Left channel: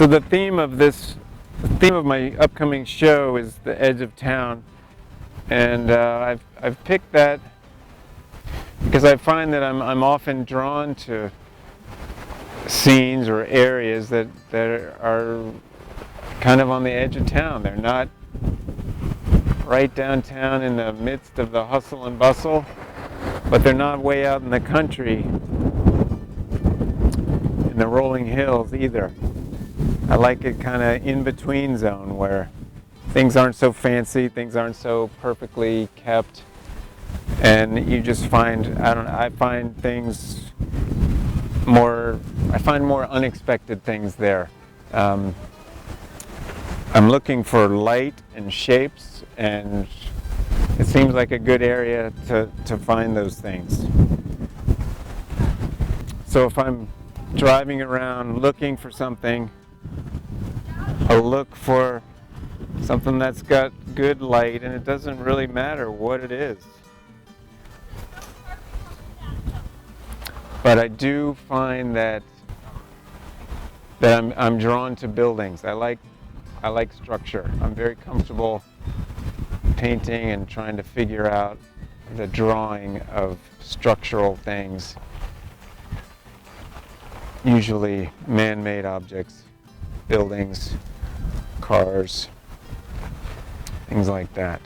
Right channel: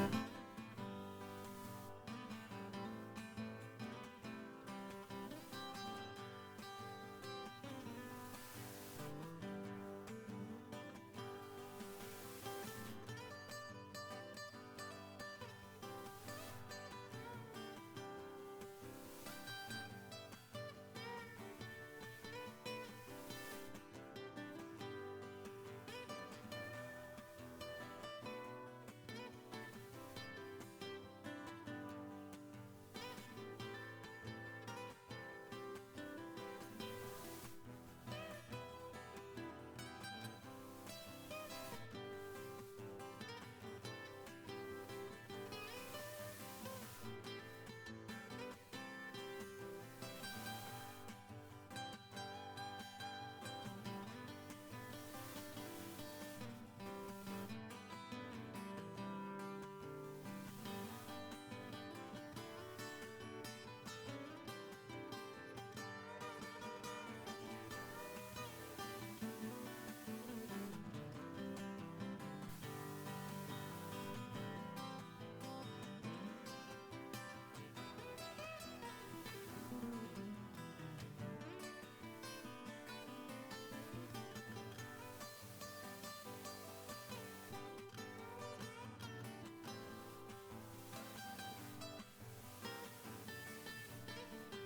So the theme of my upcoming show is the edge of town, and I've picked that because I find that I'm often drawn to scenes or areas that are kind of on the edge of town. They're not right downtown in the midst of the hustle and bustle, but they're not way out in the country in the rolling hills either. I like it kind of in between zone where things aren't so fancy, things aren't so perfectly kept, and you just find, I find more unexpected things there. I'm looking for light and shapes, and it seems like a good area to find those things. So if I'm driving around looking for something, I'll look for something that's got good light, and it doesn't really matter what it is. But I do find that I'm drawn to buildings. I like structure. I'm very comfortable painting and trying to figure out the drawing of structural things, usually man-made objects, buildings, cars, things like that.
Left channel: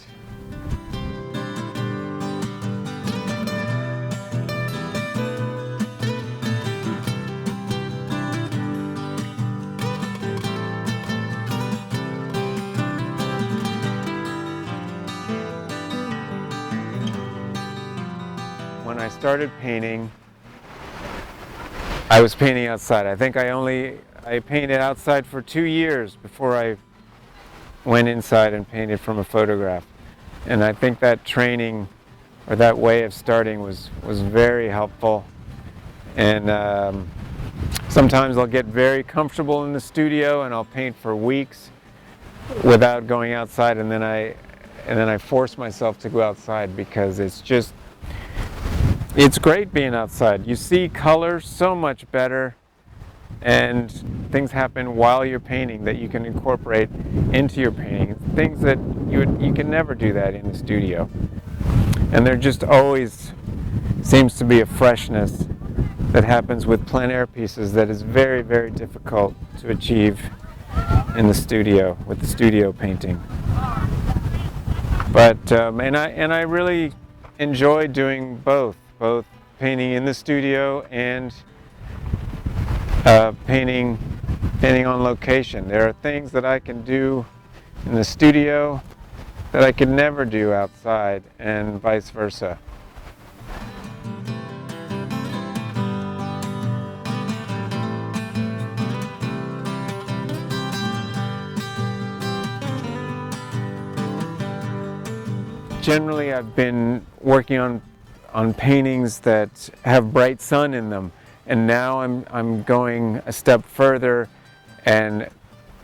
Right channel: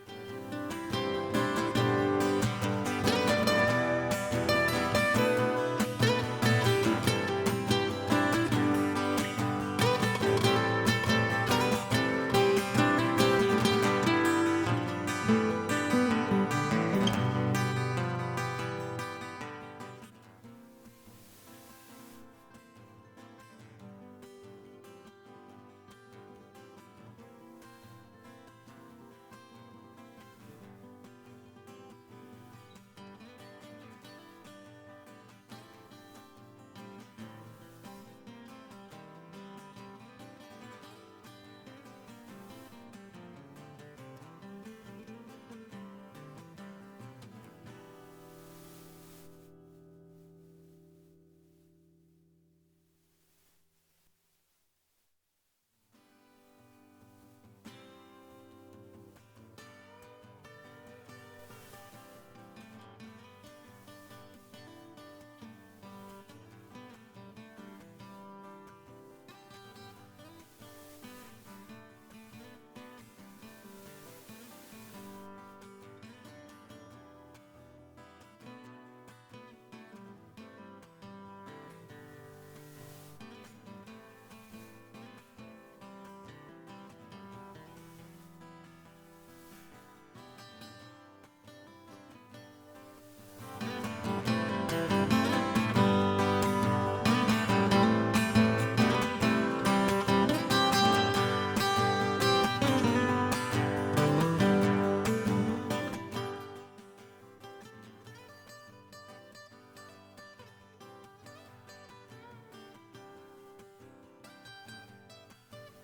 When I started painting, I was painting outside. I think I painted outside for 2 years before I went inside and painted from a photograph. And I think that training, or that way of starting, was very helpful. And sometimes I'll get very comfortable in the studio and I'll paint for weeks without going outside, and then I force myself to go outside because it's great being outside. You see color so much better, and things happen while you're painting that you can incorporate into your painting. Things that you can never do that in the studio. And there just always seems to be a freshness that happens with plein air pieces that is very, very difficult to achieve in the studio with the studio painting. But and I really enjoy doing both painting in the studio and painting on location. There are things that I can do in the studio that I could never do outside, and vice versa. Generally, I've been working on paintings that have bright sun in them. And now I'm going a step further and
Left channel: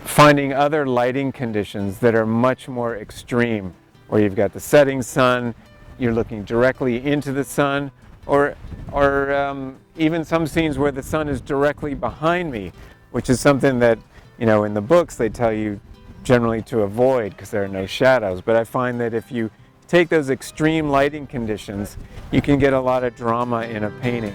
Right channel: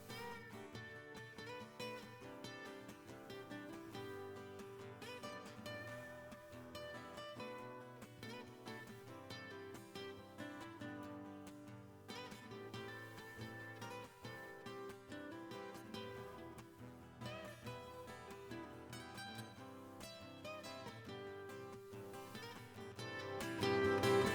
finding other lighting conditions that are much more extreme, where you've got the setting sun, you're looking directly into the sun, or even some scenes where the sun is directly behind me, which is something that, in the books they tell you generally to avoid because there are no shadows. But I find that if you take those extreme lighting conditions, you can get a lot of drama in a painting.